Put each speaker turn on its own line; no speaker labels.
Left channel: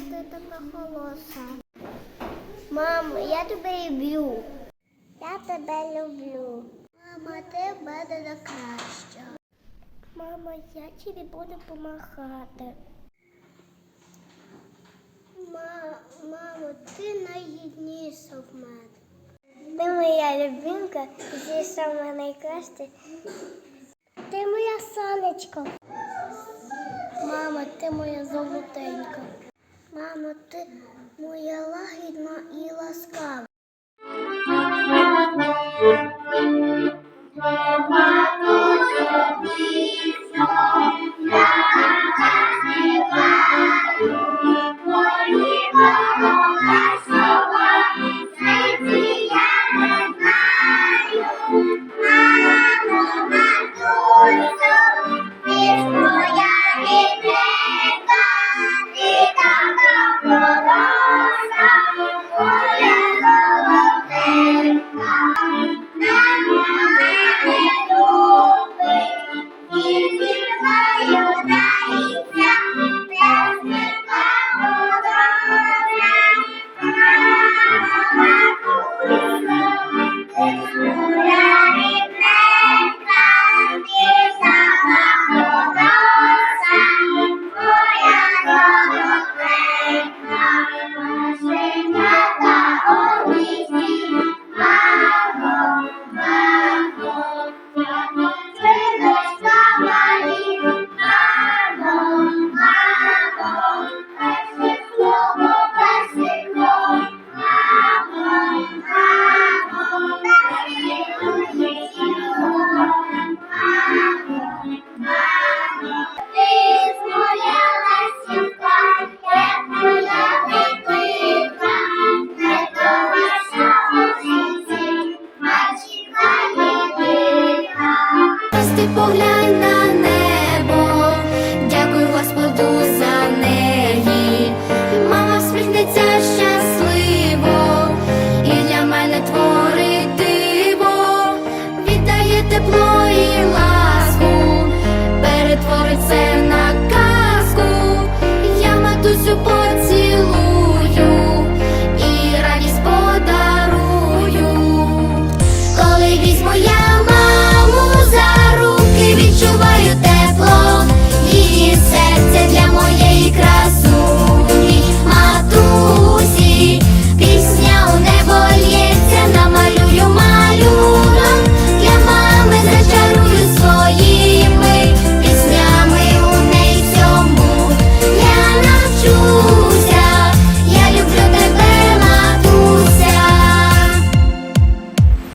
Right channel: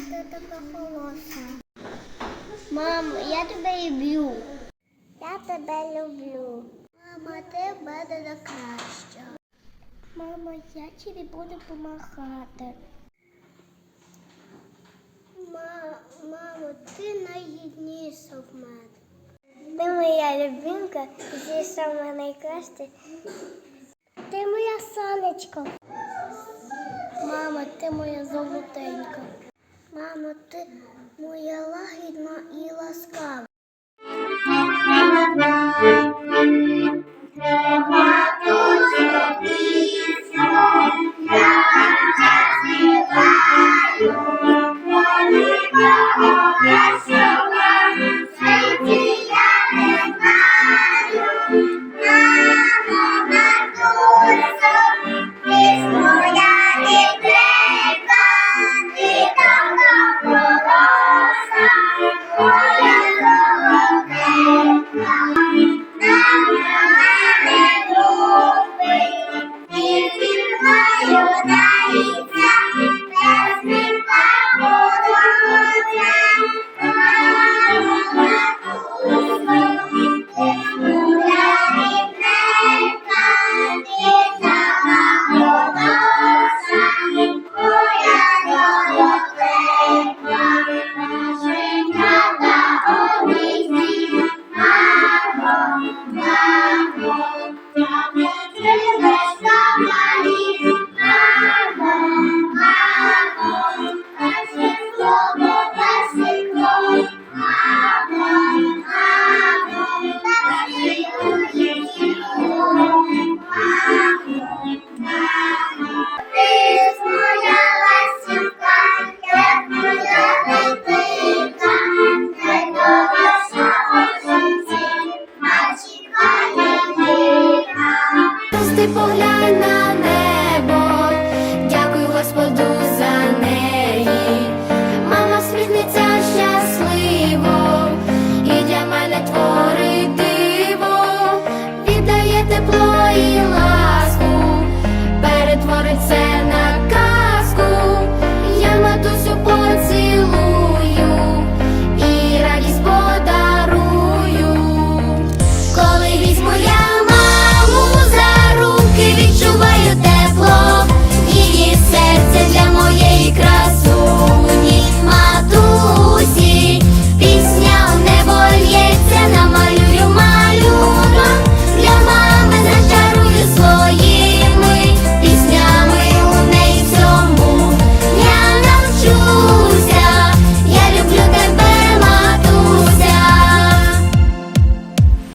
ти така холоса? Мамо, я тебе люблю. Я тебе люблю. Мама, ти в мене найкраща. Мама, я тобі буду допомагати. Ма, мамо, ти найгідніша в мене. Ти моя любимка, ти сама найкраща. Ти моя сонечко. Мамо, ти моя золотенька. Мамо, ти моя лагідна і ласкава.
поглянь на небо, дякую Господу за неї, мама всміхнеться щасливо, і для мене творить диво, віддає тепло і ласку, перетворить це на.